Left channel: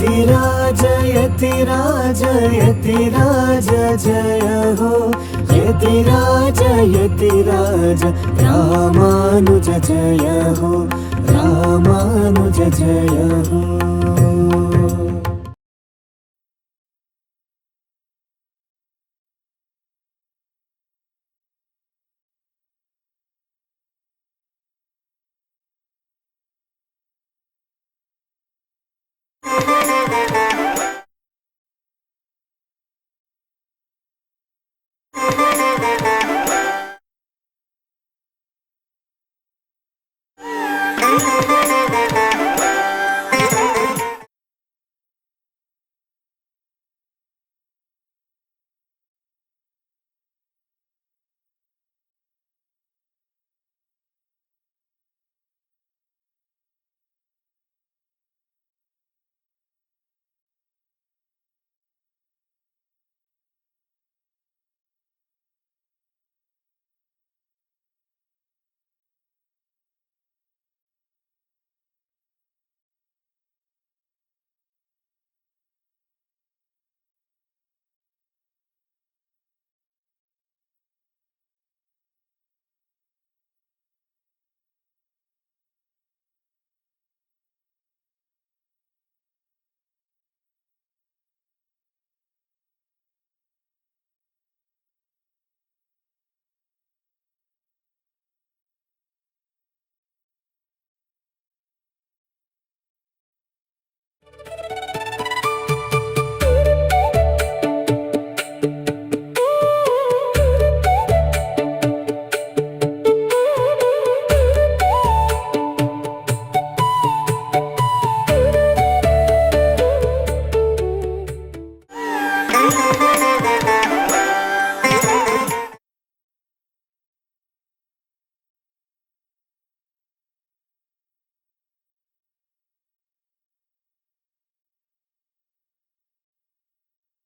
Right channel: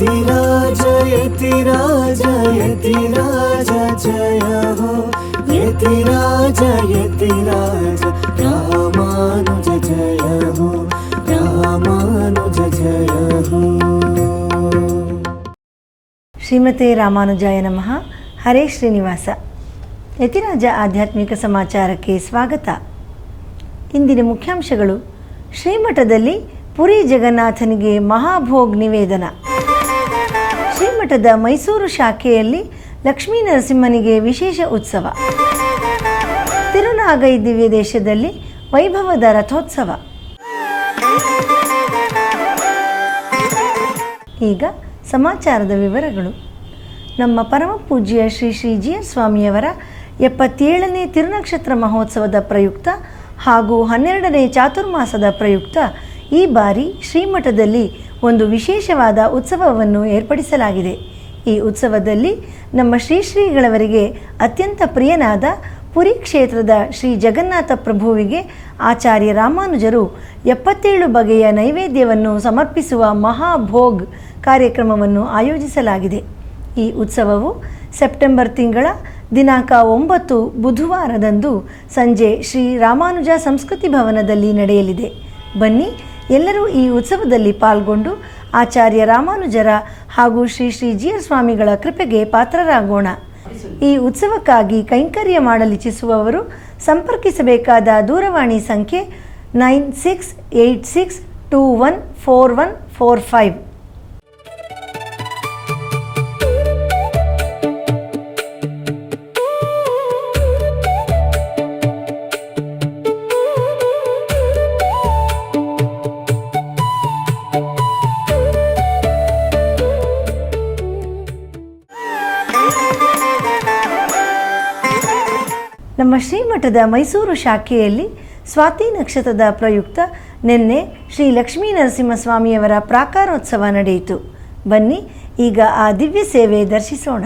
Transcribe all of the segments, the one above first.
यतिराज यतिराज यतिराज जय हो यतिराज यतिराज रामानुज जय हो रामानुज जय हो। ಶ್ರೀಮತೆ ರಾಮಾನುಜಾಯ ನಮಃ. ಹರೇ ಶ್ರೀನಿವಾಸ. ಯತಿರಾಜ ಆಧ್ಯಾತ್ಮಿಕ ಸಮಾಚಾರಕ್ಕೆ ಸ್ವಾಗತ. ಇಂದಿನ ಮುಖ್ಯಾಂಶಗಳು: ಶ್ರೀಮಠದಲ್ಲಿ ಪುರಿ ಜಗನ್ನಾಥನಿಗೆ ಮಹಾಭೋಗ್ ನಿವೇದನ. ಶ್ರೀಮಠದ ಮೈಸೂರು ಶಾಖೆಯಲ್ಲಿ ಲಕ್ಷ್ಮೀ ನರಸಿಂಹನಿಗೆ ವಿಶೇಷ ಉತ್ಸವ. ತಿರುನಾಗೈ ದಿವ್ಯ ದೇಶದಲ್ಲಿ ವೈಭವದ ರಥೋತ್ಸವ. ಈಗ ಸಮಾಚಾರದ ವಿವರಗಳು. ನಮ್ಮ ಪರಮ ಪೂಜ್ಯ ಶ್ರೀ ಶ್ರೀ ಜಿ ಎಸ್ ಸ್ವಾಮಿಯವರ 77ನೇ ತಿರುನಕ್ಷತ್ರ ಮಹೋತ್ಸವದ ಪ್ರಯುಕ್ತ ಹಾಗೂ 12ನೇ ಚಾತುರ್ಮಾಸದ ಪ್ರಯುಕ್ತ ಈ ಬಾರಿ ಶ್ರೀಮಠದಲ್ಲಿ ಒಂದು ವಿಶೇಷವಾದ ಉತ್ಸವವನ್ನು ಏರ್ಪಡಿಸಲಾಗಿದೆ. ಈ ಉತ್ಸವದಲ್ಲಿ ನಮ್ಮ ಶ್ರೀಗಳವರಿಗೆ ಅತ್ಯಂತ ಪ್ರಿಯನಾದ ಪುರಿ ಕ್ಷೇತ್ರದ ಶ್ರೀ ಜಗನ್ನಾಥ ಪ್ರಭುವಿಗೆ ಆಚಾರ್ಯ ರಾಮಾನುಜರು 77 ಬಗೆಯ ನೈವೇದ್ಯವನ್ನು ಸಮರ್ಪಿಸುವ ಮಹಾಭೋಗ್ ಕಾರ್ಯಕ್ರಮವನ್ನು ಆಯೋಜಿಸಲಾಗಿದೆ. ಈ ಉತ್ಸವವು ಸೆಪ್ಟೆಂಬರ್ ತಿಂಗಳ ದಿನಾಂಕ 9 ಬುಧವಾರದಂದು ಸಂಜೆ ಶ್ರೀ ರಾಮಾನುಜ ಸಂಸ್ಕೃತಿ ಭವನದಲ್ಲಿ ನಡೆಯಲಿದೆ. ಬನ್ನಿ, ಎಲ್ಲರೂ ಈ ಉತ್ಸವದಲ್ಲಿ ಪಾಲ್ಗೊಂಡು ಆಚಾರ್ಯ ರಾಮಾನುಜರ ಹಾಗೂ ಶ್ರೀ ಶ್ರೀ ಜಿ ಎಸ್ ಸ್ವಾಮಿಗಳ ಕೃಪೆಗೆ ಪಾತ್ರರಾಗೋಣ. ಈ ಉತ್ಸವಕ್ಕಾಗಿ ಕೈಂಕರ್ಯ ಮಾಡಲಿಚ್ಛಿಸುವವರು ಸಂಪರ್ಕಿಸಬೇಕಾದ ದೂರವಾಣಿ ಸಂಖ್ಯೆ 9686214145. ನಮ್ಮ ಶ್ರೀಮಠದ ಮೈಸೂರು ಶಾಖೆಯಲ್ಲಿ ಸ್ವಾತಿ ನಕ್ಷತ್ರದ ಪ್ರಯುಕ್ತ ನಿನ್ನೆ ಶ್ರೀ ಲಕ್ಷ್ಮೀ ನರಸಿಂಹಸ್ವಾಮಿಯವರ ಪ್ರಾಕಾರೋತ್ಸವ ನಡೆಯಿತು. ಬನ್ನಿ, ಈಗ ಆ ದಿವ್ಯ ಸೇವೆ ದರ್ಶಿಸೋಣ.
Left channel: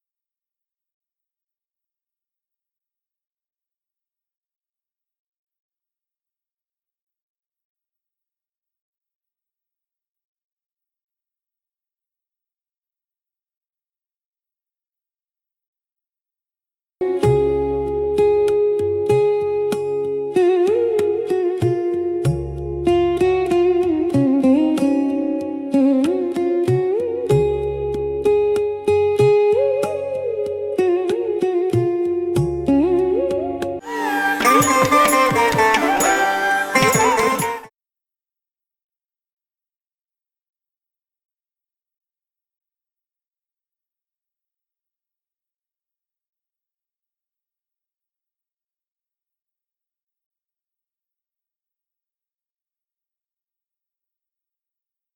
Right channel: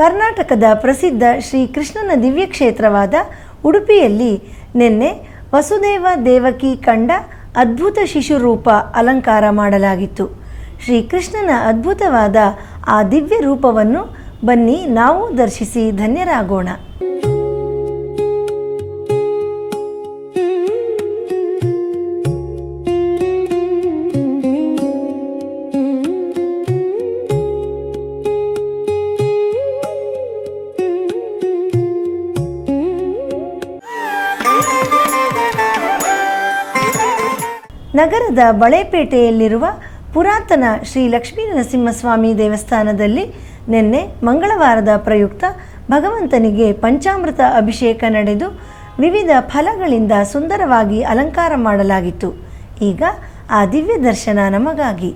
ಕರ್ನಾಟಕದ ಪ್ರಸಿದ್ಧ ಶ್ರೀ ಕೃಷ್ಣನ ದಿವ್ಯ ಕ್ಷೇತ್ರವಾದ ಉಡುಪಿಯಲ್ಲಿ ನಿನ್ನೆ ವಸುದೇವ ದೇವಕಿ ಕಂಡ ಅದ್ಭುತ ಶಿಶುರೂಪ ಅಲಂಕಾರ ಮಾಡಲಾಗಿತ್ತು. ಶ್ರೀಕೃಷ್ಣನ ಅದ್ಭುತವಾದ ಆ ದಿವ್ಯ ರೂಪವನ್ನು ಬನ್ನಿ ನಾವು ದರ್ಶಿಸಿ ಧನ್ಯರಾಗೋಣ. ನಗರದ ಬಳೆಪೇಟೆಯಲ್ಲಿರುವ ಪುರಾತನ ಶ್ರೀ ಲಕ್ಷ್ಮೀ ನರಸಿಂಹಸ್ವಾಮಿ ದೇವಸ್ಥಾನದಲ್ಲಿ ನಿನ್ನೆ ಮಂಗಳವಾರದ ಪ್ರಯುಕ್ತ ಭಗವಂತನಿಗೆ ಪಂಚಾಮೃತ ಅಭಿಷೇಕ ನಡೆದು ವಿವಿಧ ಫಲಗಳಿಂದ ಸುಂದರವಾಗಿ ಅಲಂಕಾರ ಮಾಡಲಾಗಿತ್ತು. ಈಗ ಆ ದಿವ್ಯ ದರ್ಶನ ನಮಗಾಗಿ.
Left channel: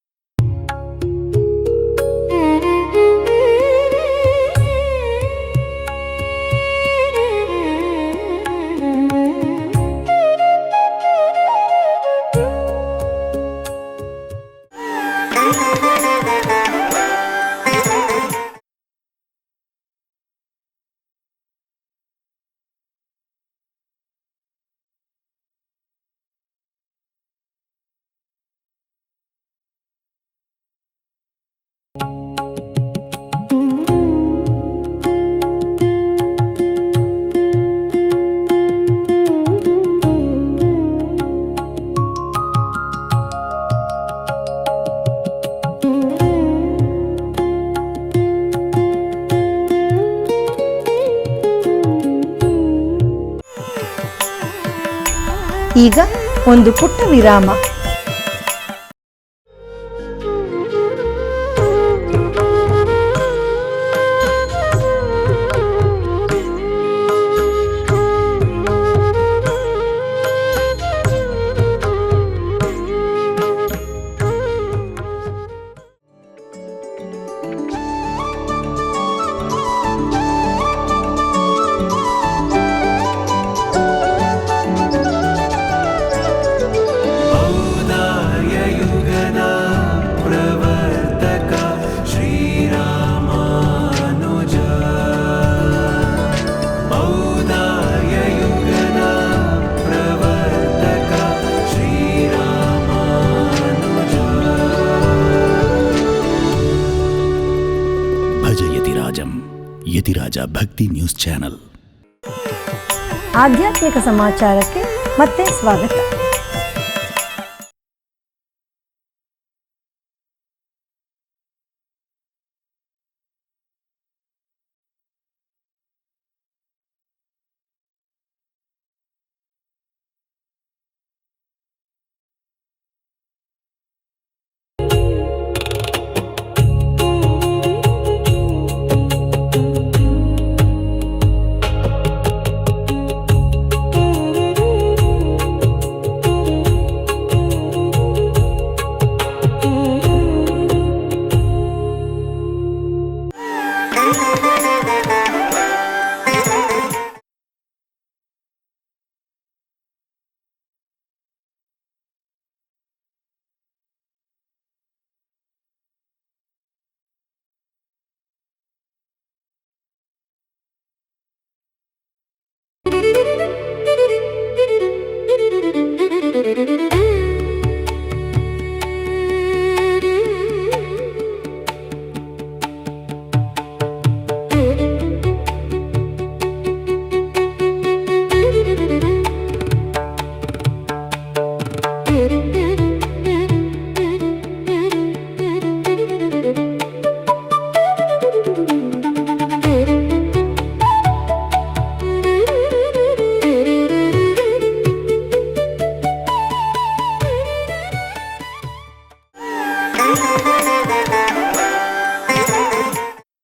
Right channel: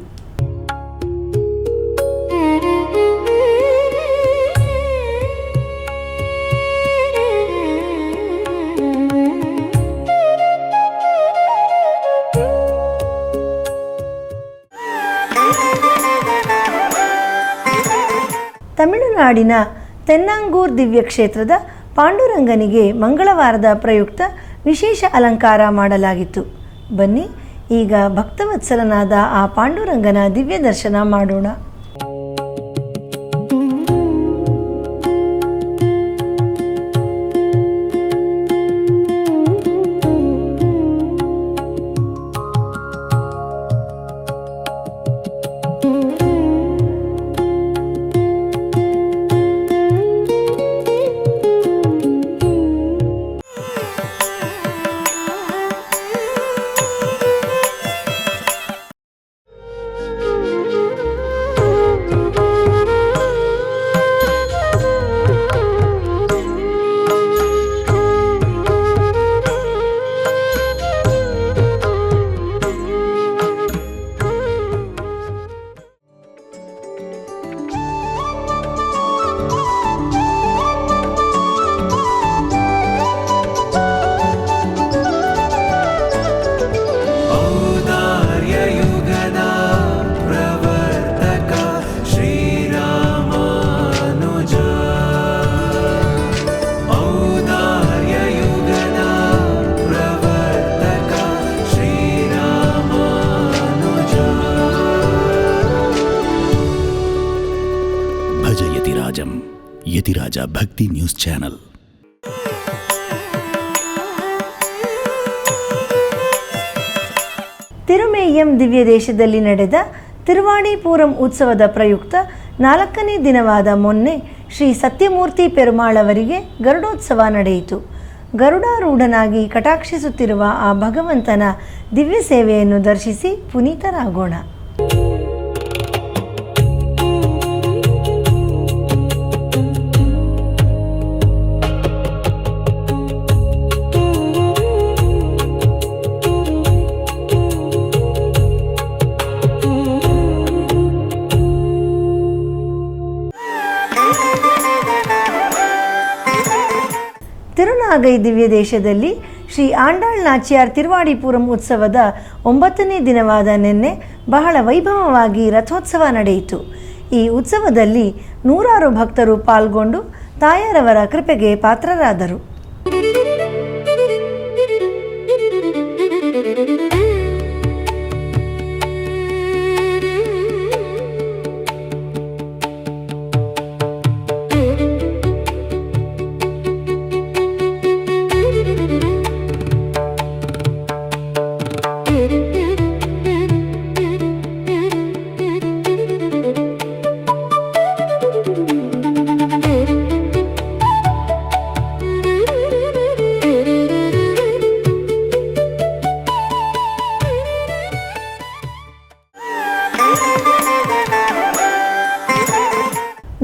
ತಮಿಳುನಾಡಿನ ತೆನ್ನಂಗೂರ್ ದಿವ್ಯಕ್ಷೇತ್ರದ ಪಾಂಡುರಂಗನಿಗೆ ಮಂಗಳವಾರದ ಪ್ರಯುಕ್ತ ವಿಶೇಷ ಅಲಂಕಾರ ಮಾಡಲಾಗಿತ್ತು. ಬನ್ನಿ ಈಗ ಭಕ್ತವತ್ಸಲನಾದ ಆ ಪಾಂಡುರಂಗನ ದಿವ್ಯ ದರ್ಶನ ಮಾಡೋಣ. ಈಗ ಒಂದು ಪುಟ್ಟ ವಿರಾಮ. ಯತಿರಾಜ ಭಕ್ತಿ ನ್ಯೂಸ್ ಚಾನೆಲ್. ಆಧ್ಯಾತ್ಮಿಕ ಸಮಾಚಾರಕ್ಕೆ ಮತ್ತೆ ಸ್ವಾಗತ. ತಿರುಮೇಯಂ ದಿವ್ಯ ದೇಶದಲ್ಲಿ ನಡೆದ ತಿರುವಾಣಿಪೂರಂ ಉತ್ಸವದ ಪ್ರಯುಕ್ತ 4ನೇ ದಿನವಾದ ಮೊನ್ನೆ ಶ್ರೀ ಸತ್ಯಮೂರ್ತಿ ಪೆರುಮಾಳ್ ಅವರಿಗೆ ಗರುಡೋತ್ಸವ ನಡೆಯಿತು. ಗರುಡಾರೂಢನಾಗಿ ಕಟಾಕ್ಷಿಸುತ್ತಿರುವ ಆ ಭಗವಂತನ ದಿವ್ಯ ಸೇವೆಯನ್ನು ದರ್ಶಿಸಿ ಪುನೀತರಾಗೋಣ. ತಿರುನಾಗೈ ದಿವ್ಯ ದೇಶದಲ್ಲಿ ಶ್ರೀ ಆಂಡಾಳ್ ನಾಚಿಯಾರ್ ತಿರುವಾಡಿಪುರಂ ಉತ್ಸವದ 9ನೇ ದಿನವಾದ ನಿನ್ನೆ ಬಹಳ ವೈಭವವಾಗಿ ರಥೋತ್ಸವ ನಡೆಯಿತು. ಈ ಉತ್ಸವದಲ್ಲಿ 100 ಭಕ್ತರು ಪಾಲ್ಗೊಂಡು ತಾಯಾರವರ ಕೃಪೆಗೆ ಪಾತ್ರರಾದರು.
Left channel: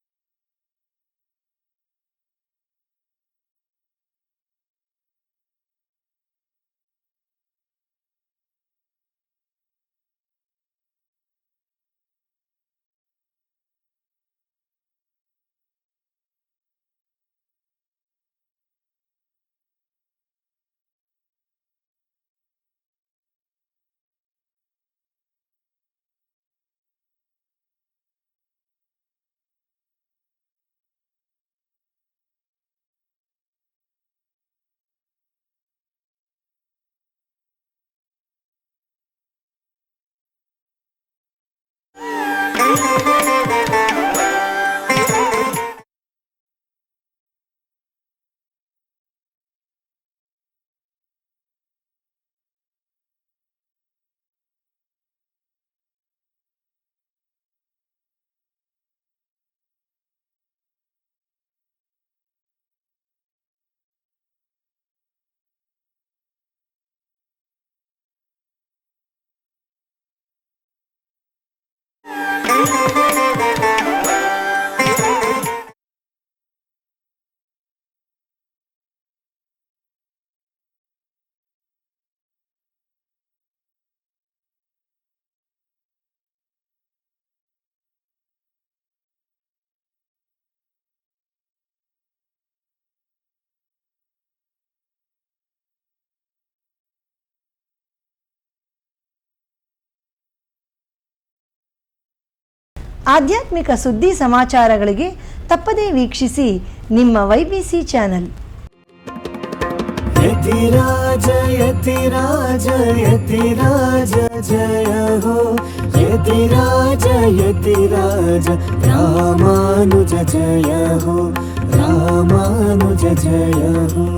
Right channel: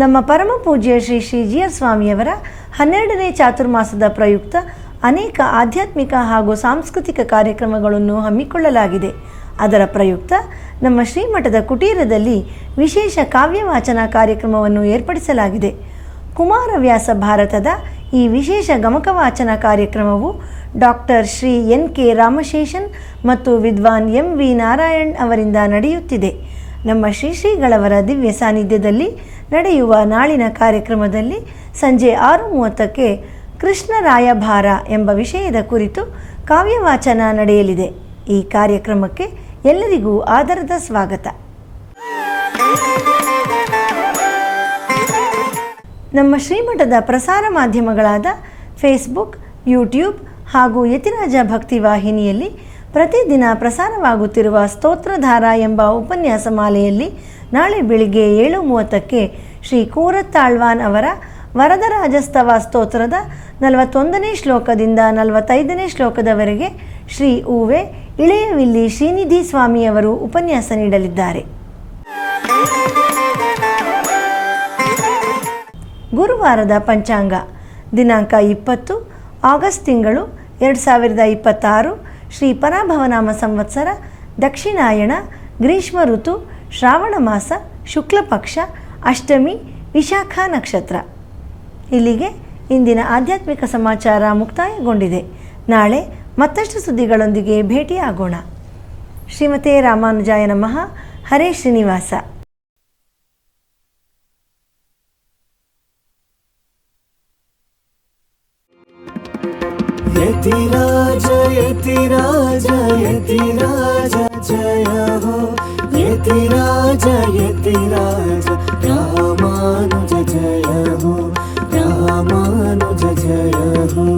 ನಮ್ಮ ಪರಮ ಪೂಜ್ಯ ಶ್ರೀ ಶ್ರೀಜಿಯರ್ ಸ್ವಾಮಿಯವರ 12ನೇ ಚಾತುರ್ಮಾಸದ ಪ್ರಯುಕ್ತ ಅನೇಕ ಆಧ್ಯಾತ್ಮಿಕ ಹಾಗೂ ಸಾಂಸ್ಕೃತಿಕ ಕಾರ್ಯಕ್ರಮಗಳನ್ನು ಹಮ್ಮಿಕೊಳ್ಳಲಾಗಿದೆ. ಅದರ ಪ್ರಯುಕ್ತ ನಮ್ಮ ಶ್ರೀಮಠದ ಕುಟೀರದಲ್ಲಿ ವಿಶೇಷ ಕಾವ್ಯವಾಚನ ಕಾರ್ಯಕ್ರಮವನ್ನು ಏರ್ಪಡಿಸಲಾಗಿದೆ. ಕುಮಾರವ್ಯಾಸ ಭಾರತದ ಈ ವಿಶೇಷ ಗಮಕವಾಚನ ಕಾರ್ಯಕ್ರಮವು ಡಾಕ್ಟರ್ ಶ್ರೀ NK ರಾಮಶೇಷನ್ ಮತ್ತು ವಿದ್ವಾನ್ MV ನಾರಾಯಣ್ ಅವರಿಂದ ನಡೆಯುತ್ತಿದೆ. ನಮ್ಮ ಶ್ರೀಗಳವರ ದಿವ್ಯ ಸಾನ್ನಿಧ್ಯದಲ್ಲಿ ನಡೆಯುವ ನಾಳಿನ ಕಾರ್ಯಕ್ರಮದಲ್ಲಿ ಸಂಜೆ 6:30ಕ್ಕೆ ಕೃಷ್ಣರಾಯಭಾರ ಎಂಬ ವಿಷಯದ ಕುರಿತು ಕಾವ್ಯವಾಚನ ನಡೆಯಲಿದೆ. ಈ ಕಾರ್ಯಕ್ರಮಕ್ಕೆ ಎಲ್ಲರಿಗೂ ಆದರದ ಸ್ವಾಗತ. ನಮ್ಮ ಶ್ರೀಮಠದ ಪ್ರಸಾರ ಮಾಧ್ಯಮಗಳಾದ ಫೇಸ್ಬುಕ್, ಯೂಟ್ಯೂಬ್ ಹಾಗೂ ಯತಿರಾಜ ಭಕ್ತಿ ವಾಹಿನಿಯಲ್ಲಿ ಪ್ರತಿದಿನ ಪ್ರಸಾರವಾಗುತ್ತಿರುವ ಸ್ತೋತ್ರಧಾರ ಎಂಬ ಉಪನ್ಯಾಸ ಮಾಲೆಯಲ್ಲಿ ನಾಳೆ ಬೆಳಿಗ್ಗೆ 7:30ಕ್ಕೆ ಶ್ರೀ ಕೂರತ್ತಾಳ್ವಾನ್ ಅವರ ವರದರಾಜಸ್ತವ ಸ್ತೋತ್ರದ 41ನೇ ಶ್ಲೋಕದಿಂದ 45ನೇ ಶ್ಲೋಕದವರೆಗೆ ಶ್ರೀ ಉವೆ ಇಳೆಯವಿಲ್ಲಿ ಶ್ರೀನಿಧಿ ಸ್ವಾಮಿಯವರು ಉಪನ್ಯಾಸ ನೀಡಲಿದ್ದಾರೆ. ಗುರುವಾರದ ಪಂಚಾಂಗ ದಿನಾಂಕ 20 ಆಗಸ್ಟ್ ತಿಂಗಳು 2026 ಶ್ರೀ ಪರಾಭವನಾಮ ಸಂವತ್ಸರ ದಕ್ಷಿಣಾಯಣ ಗ್ರೀಷ್ಮ ಋತು ಶ್ರಾವಣ ಮಾಸ ಶುಕ್ಲ ಪಕ್ಷ ಅಷ್ಟಮಿ ವಿಶಾಖ ನಕ್ಷತ್ರ. ಇಲ್ಲಿಗೆ ಇಂದಿನ ಆಧ್ಯಾತ್ಮಿಕ ಸಮಾಚಾರ ಮುಕ್ತಾಯಗೊಂಡಿದೆ. ನಾಳೆ ಮತ್ತಷ್ಟು ಸುದ್ದಿಗಳೊಂದಿಗೆ ಭೇಟಿಯಾಗೋಣ. ಶ್ರೀಮತೆ ರಾಮಾನುಜಾಯ ನಮಃ. ಹರೇ ಶ್ರೀನಿವಾಸ. ಆಧ್ಯಾತ್ಮಿಕ ಸುದ್ದಿ ಸಮಾಚಾರಗಳಿಗೆ ತಪ್ಪದೇ ವೀಕ್ಷಿಸಿ ನಿಮ್ಮ YBC ಚಾನಲ್. ಯತಿರಾಜ ಯತಿರಾಜ ಯತಿರಾಜ ಜಯ ಹೋ, ಯತಿರಾಜ ಯತಿರಾಜ ರಾಮಾನುಜ ಜಯ ಹೋ, ರಾಮಾನುಜ ಜಯ ಹೋ.